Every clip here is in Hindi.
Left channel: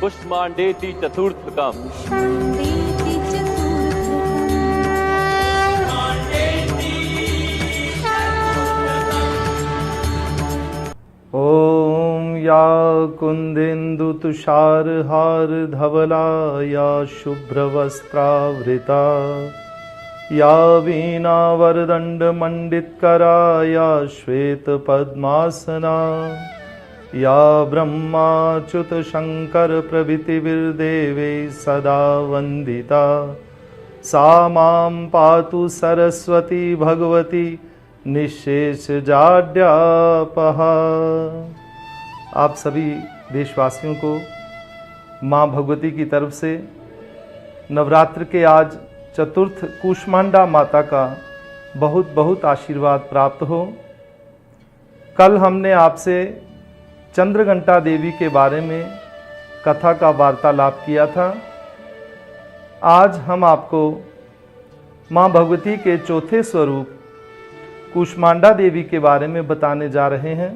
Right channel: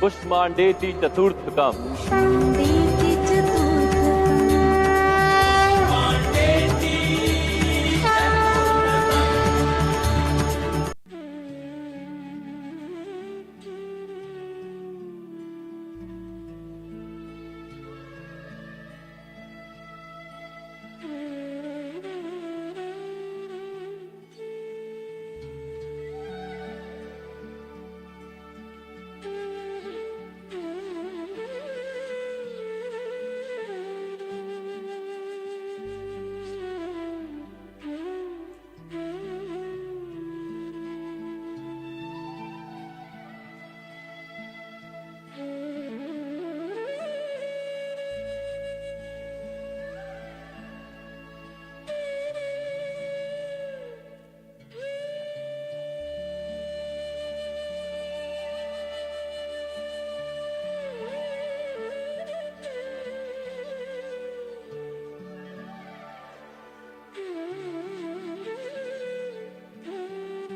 कुष्मांडेति चतुर्थकम्। ओम या कुंदेन्दु तुषारहार धवला या शुभ्रवस्त्रावृता या वीणा वरदंड मंडितकरा या श्वेत पद्मासना या ब्रह्माच्युत शंकर प्रभृतिर्देवे सदा वंदिता सा मां पातु सरस्वती भगवती निशेष जाड्यापहा। आप सभी देशवासियों को माँ भगवती की तरफ से नवरात्र के आज चतुर्थ कूष्मांडा माता का बहुत बहुत आशीर्वाद प्राप्त हो। कल हमने आपसे चंद्रघंटा देवी के बारे में कथा का वार्तालाप किया था। आज हम आपको माँ भगवती के चौथे स्वरूप कूष्मांडा देवी के बारे में बताने जा रहे हैं।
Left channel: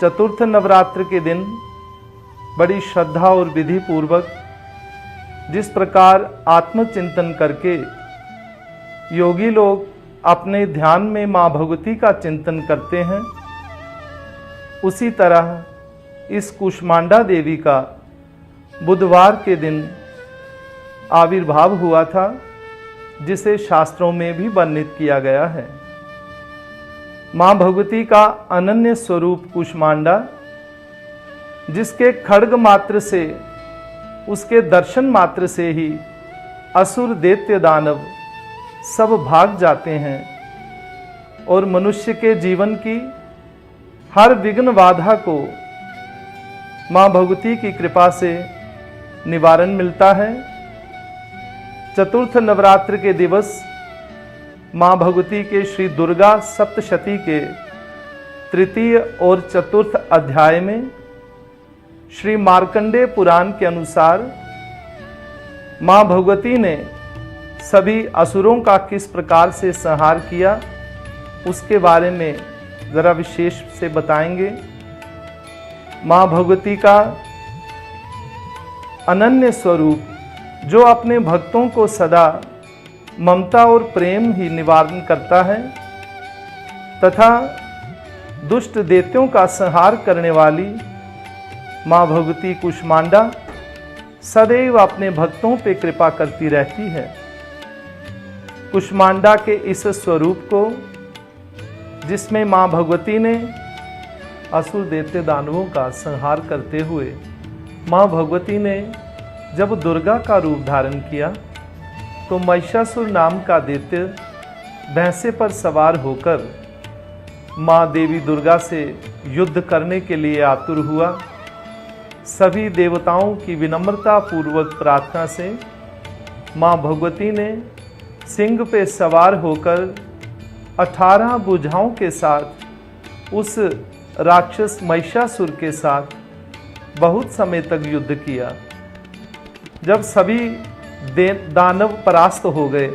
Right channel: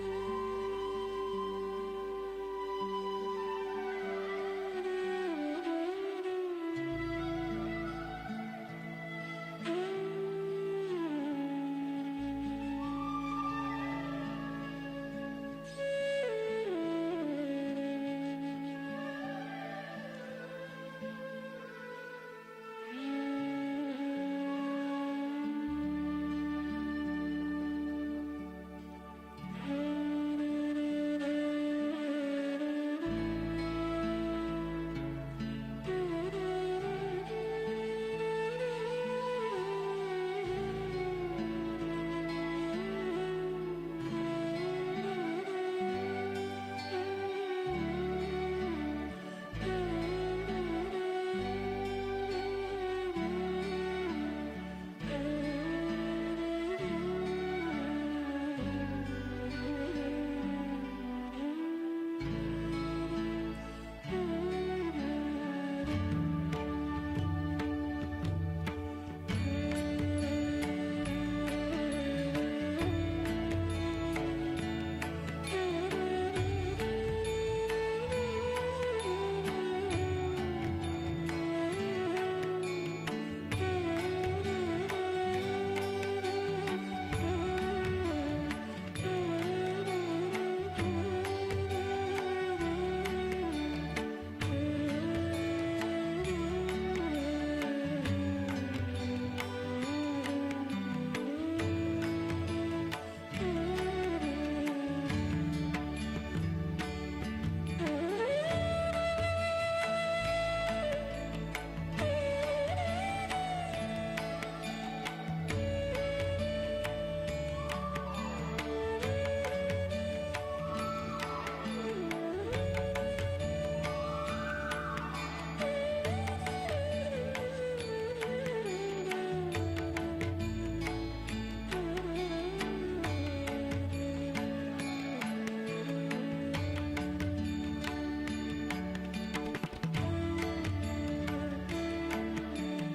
चतुर्थ नवरात्र के दिन बड़ी श्रद्धा और विधि पूर्वक जिस प्रकार आत्मचिंतन करके योगी लोग अपने ध्यान में माँ भगवती का चिंतन करते हैं, उसी तरह इस कूष्मांडा देवी का बुधवार के दिन आविर्भाव हुआ था, जिसे शास्त्रों में भी वर्णित किया गया है। मां भगवती का अनन्य स्वरूप कूष्मांडा, जिसके खड्ग मात्र से, उसके दर्शन मात्र से ही असुर दैत्य दानव सब भाग जाते हैं और मनुष्य के जीवन की हर विघ्न बाधा को मां भगवती की कृपा से निवारण मिलता है। चतुर्थ नवरात्र के दिवस मां भगवती के श्री दुर्गा सप्तशती के तृतीय और चतुर्थ अध्याय में श्री मार्कंडेय पुराण के अनुसार मां भगवती ने सभी असुरों का किस प्रकार से संहार किया, उसके बारे में जरा विशेष से बताएंगे। मां भगवती का अनन्य स्वरूप जो अपने भक्तों को सदा ममता और प्रेम ही निवारण करता है तथा दुष्ट दैत्यों का संहार करने वाली मां भगवती कूष्मांडा सदैव अपने भक्तों पे कृपा करती रहती है। कूष्मांडा के इस स्वरूप को, जिसमें मां भगवती ने असुर दैत्य दानवों का संहार करते हुए मां भगवती ने जब दुर्गा का रूप धारण किया तो महिषासुर नाम का दैत्य भैंसे पर सवार होकर मां देवी दुर्गा से युद्ध करने के लिए आतुर हुआ। सभी देवताओं की विनम्रता पूर्वक प्रार्थना से मां भगवती ने सिंह पे सवार होकर 18 भुजाओं के साथ उस राक्षस महिषासुर के साथ बहुत समय तक युद्ध किया। जब सभी दानव परास्त हो गए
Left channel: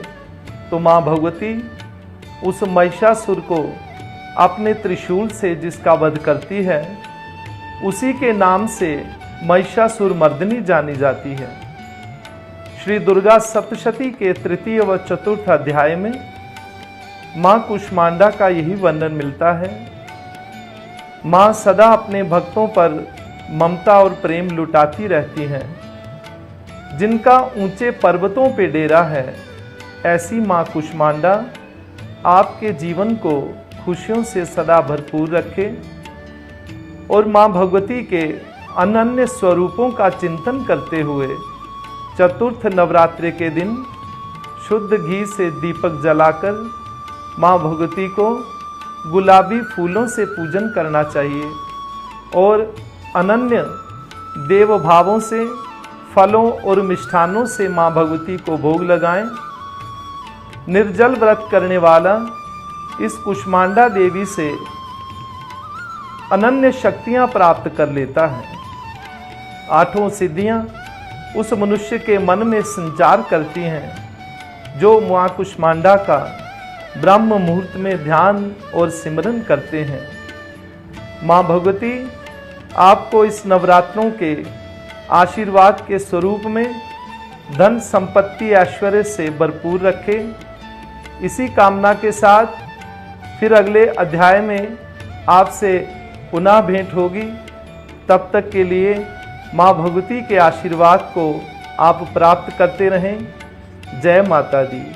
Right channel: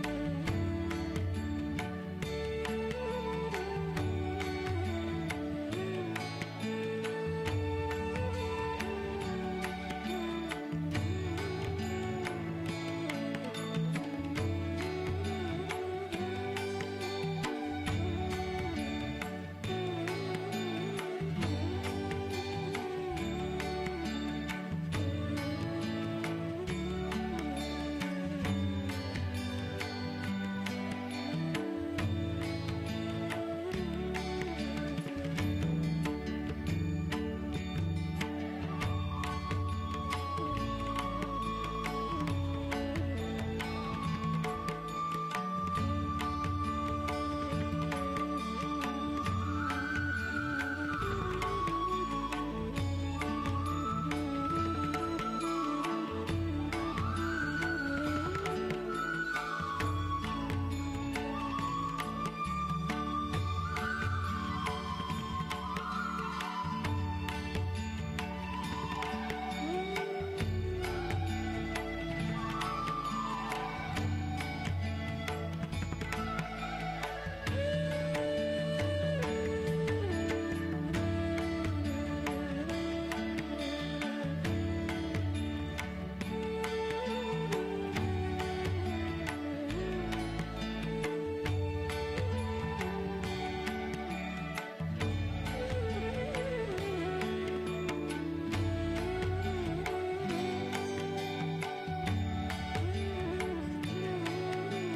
तो मां भगवती उस महिषासुर को अपने त्रिशूल से जिसका वध करती है, उसी के नाम से महिषासुर मर्दिनी जानी जाती है। श्री दुर्गा सप्तशती के तृतीय व चतुर्थ अध्याय में मां कूष्मांडा का यही वर्णन मिलता है। मां सदा अपने भक्तों पर ममता और प्रेम लुटाती रहती हैं। जिनका ऊंचे पर्वतों पे डेरा है, ऐसी मां कूष्मांडा आपके जीवन को खुशियों से सदा भरपूर रखे और मां भगवती के अनन्य स्वरूपों का चिंतन करते हुए चतुर्थ नवरात्रि के दिन शुद्ध घी से दीपक जलाकर मां भगवती को गुलाबी फूलों से पूजन करना चाहिए और अनन्य देव भावों से फलों और मिष्ठानों से मां भगवती को भोग लगाएं। निर्जल व्रत करने वाला इस कूष्मांडा देवी से अनन्य शक्तियां प्राप्त कर लेता है। 8 सिद्धियां उस मनुष्य के मन में संचार करती हैं जो मां कूष्मांडा का ब्रह्म मुहूर्त में ध्यान और सिमरन करते हैं। मां भगवती आपको इस नवरात्रों के आशीर्वाद के स्वरूप में धन संपत्ति ऐश्वर्य से भरपूर रखे। इसी कामना के साथ फिर अगले अध्याय में आपसे पुनः भेंट होगी। तब तक के लिए माँ भगवती के आशीर्वाद को आप प्राप्त करते रहें। जय माता दी।